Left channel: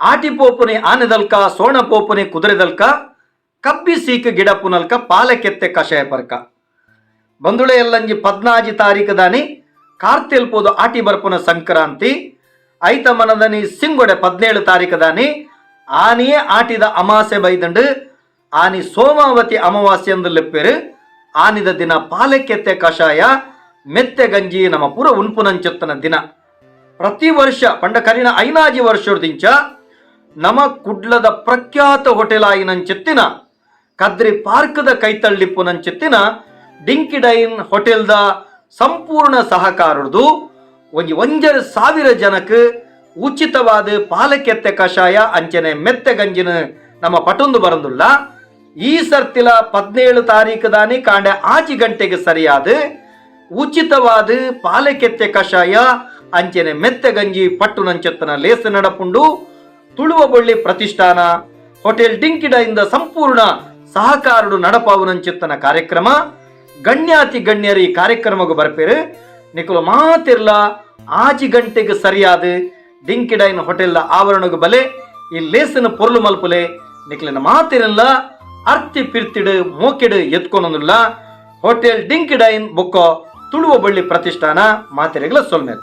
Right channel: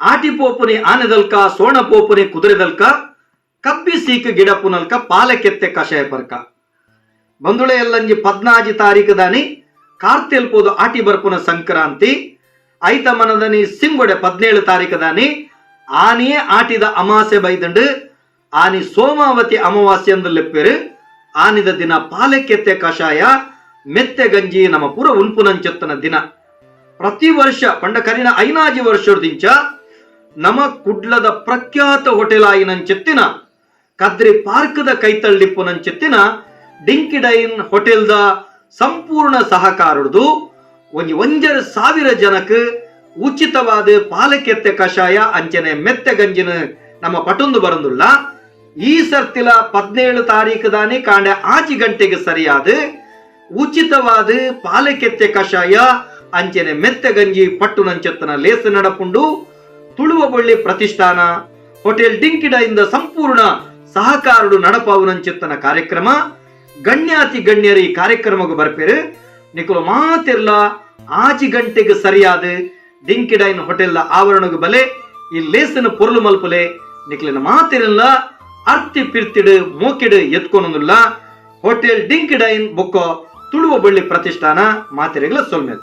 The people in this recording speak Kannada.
ಆಟಿಪೋಪುನಿ ಆನೆದಲ್ಕ ಸೋಣಪೋಪುನಿ ಕುದುರೆದಲ್ಕ ಕಬ್ಬಿ ಸೀಕ್ ಗಿಡ ಪುನಲ್ಕ ಪಾಲಕೆತ್ತೆ ಕಷಾಯ ಪರ್ಕ ಬಂದುಳೆ ಎಲ್ಲಂಜಿ 14 ತಾರೀಕು ದಾನಿ ಕಾರ್ತೆಲ್ಪೋದು ಆಟಿ ಬರ್ಪುನ ಸಂಕ್ರಾಂತಿ ಐತ ಮನದನಿ ಸಿಂಗೊಡೆ 17 ತಾರೀಕು ದಾನಿ ಆನಿಯೇ ಆಟಿದ ಅಮಾಸೆ ಬೈದಂಡು ಆನಿ ಸೋಮಾವತಿ ಅಮಾವಾಸ್ಯೆ ಎಂದು ಲೆಪ್ಪೆರು ಆನಿದ ದಿನ ಪಾಲಕೆತ್ತೆ ಕಷಾಯ ಮೆತ್ತೆ ಗಂಜಿ ನಮ್ಮ ಪೂರ ಉನ್ಪುನಂಚೆತ್ತನ ದಿನ ಪ್ರತಿ ವರ್ಷ ಪಂಡ ಕರಿನ ಐನಾಜಿ ವರ್ಷದಿಂಚ ನಮ ಕುಡ್ಲದ ಪ್ರಖ್ಯಾತ ಹೋಟೆಲ್ ಆಯಿನಂಚೆತ್ತಿನ ಕದ್ರಿ ಪಾರ್ಕ್ದ ಕೈತಳ್ಳಿಪ್ಪುನಂಚೆತ್ತಿನ ಡಿಂಕಿಡೈನ್ ಹೋಟೆಲ್ದ ಸಂಪೂರ್ಣ ಸಹಕಾರದ್ದು 1,000 ಜನಕ್ಕೆ ಉಚಿತವಾದ ಪಾಲಕೆತ್ತೆ ಕಷಾಯ ಅಂಚನೆ ಮೆತ್ತೆ ಗಂಜಿನ ನಮ್ಮ ಪಟೊಂದು ಬರಂದುಲ್ಲ ಈ ಸರ್ತಿಲ 17 ತಾರೀಕು ದಾನಿ ಕಾಂಡೆ 5 ಗಂಟೆಗೆ ಸರಿಯಾದ ಉಚಿತವಾದ ಪಾಲಕೆತ್ತೆ ಕಷಾಯ ಅಂಚನೆ ಮೆತ್ತೆ ಗಂಜಿ ಪಟ್ಟು ನಂಚೆತ್ತನ ಲೇಸ ನಡಪುಂಡು ತುಳುವ ಬಳ್ಳಿ ಪ್ರತಿಷ್ಠಾನ ಹೋಟೆಲ್ ಡಿಂಕಿಡೈಂದ ಸಂಪೂರ್ಣ ಸಹಕಾರಡು ನಡಪಾವುನಂಚಿತ್ತನ ಕಾರ್ಯಕ್ರಮ ಗಣ್ಯಾತಿ ಗಣ್ಯರು ಈ ಕಾರ್ಯಕ್ರಮಕ್ಕೆ ಬರ್ಪೇರು ನಿಖಲು ಮಾತಿರ್ಲ 5 ಗಂಟೆಗೆ ಸರಿಯಾದ ಡಿಂಕಿಡೈನ್ ಹೋಟೆಲ್ ಆವರಣಕ್ಕೆ ಬಲೆ ಈ ಲೇಸನ ಪೊರ್ಲು ಮಲ್ಪಲೆ ನಿಖಲಿನ ಮಾತಿರಲ್ಲ ಅರ್ತಿ ಪಿರ್ತಿಡು ಮೋಕೆಡು ಎತ್ಕೊನೊಂದಿಲ್ಲ ಹೋಟೆಲ್ ಡಿಂಕಿಡೈನ್ ಬೊಕ್ಕ ತುಳುವ ಬಳ್ಳಿ ಪ್ರತಿಷ್ಠಾನ ಮಾತಿರೆಗಳ ಸೊಲ್ಮೇಲೆ